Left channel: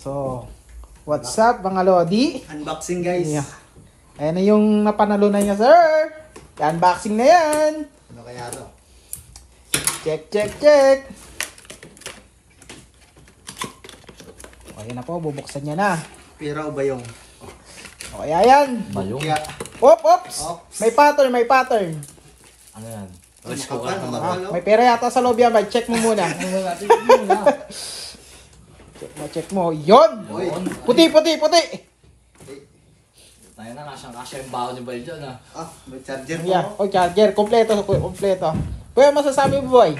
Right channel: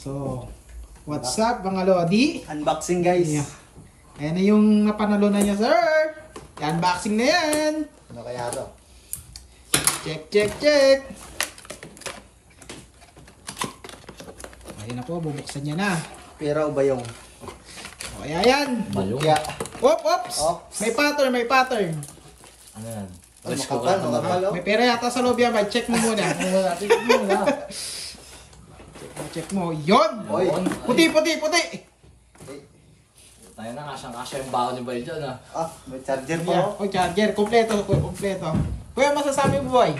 So, what's up mga Lodi? Unboxing guys. Yeah. Ayan na yung napanalunan niya, sir. Unboxing na yan. Ano kaya to? Check, check, check. Okay na po, bubuksan niya na. Pira o bayong? O kaya yan. Bayong? Kaya, Oops. Oops. May pattern, may pattern. Ano yan? makapal, makapal. May pera yata sa loob yan, check mo muna. Check mo. Yun. Oy. Puti, puti, puti. Tayo na, kasyang-kasya yung baon ni Boy dyan ah. Ah, may charger Yeah. pa. O, charger. Kompleto, kompleto. Kuya, masasabi mo, boy?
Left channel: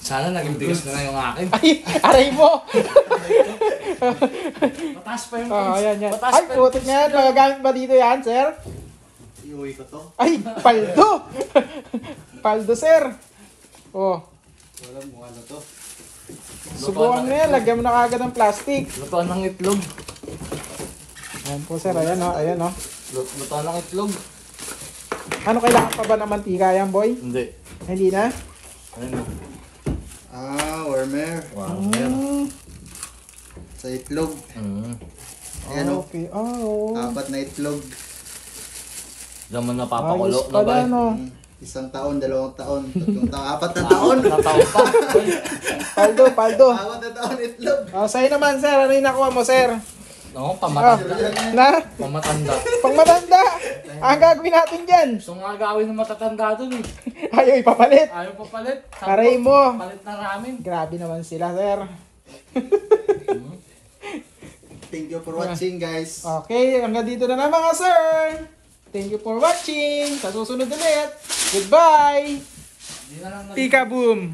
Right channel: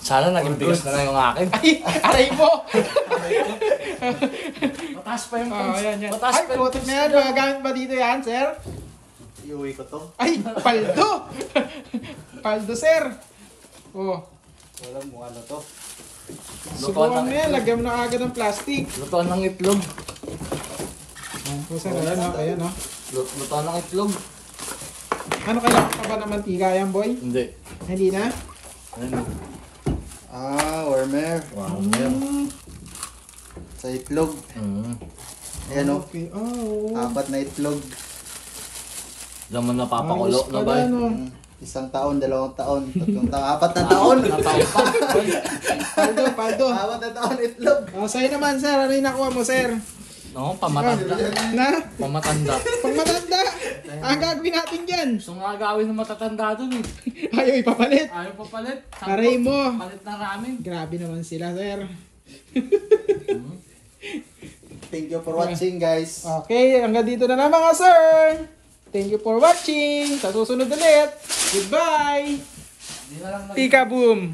Sana naging bigas na lang yung akin. Ay, aray mo. Mataas pa yung Oh, ayan, yan. Mataas Ay, pa yung putok niya. Gagamit ba dito yan, sir? Iuwi ko to. Ay, paldo. Paldo, sir. Oh, Wala mo ano to. subukan mo yan. Lagyan mo na kagad ng plastic. Lutuan ng itlog. Ayan po, sir. Ayan, o. Ayan, o. Lutuan ng itlog. Ano, kailangan pa ba ng mantika yan, boy? Hindi. Hindi na? Ayun. Ah, warmer. Wow, meron. Sa itlog. Ayan o. Okay. Oh. 4 na itlog. Diyan mo napapakulo Ayos na pala, ba? no? 1 taon, 2 taon, 3 taon, 4 na taon. Nataon pa. Paldo, paldo. 4 na taon itlog. Oh, sa'yo naman, sir. Ano yung nakuha mo, sir? Oo, pamatanda. Na? Pamatanda. Pang matanda. Ang gagawin natin dyan. Gusto nga gawin ng matatanda dun eh. Ayaw ipapalit. Ayaw pa palit. Aray mo. Palit na ramen. Grabe naman sila, sir. Thank you for watching guys. Okay, hanggang dito na lang mga sir. Thank you for watching. Sa susunod ulit. Goodbye. Hindi na lang Tika boom.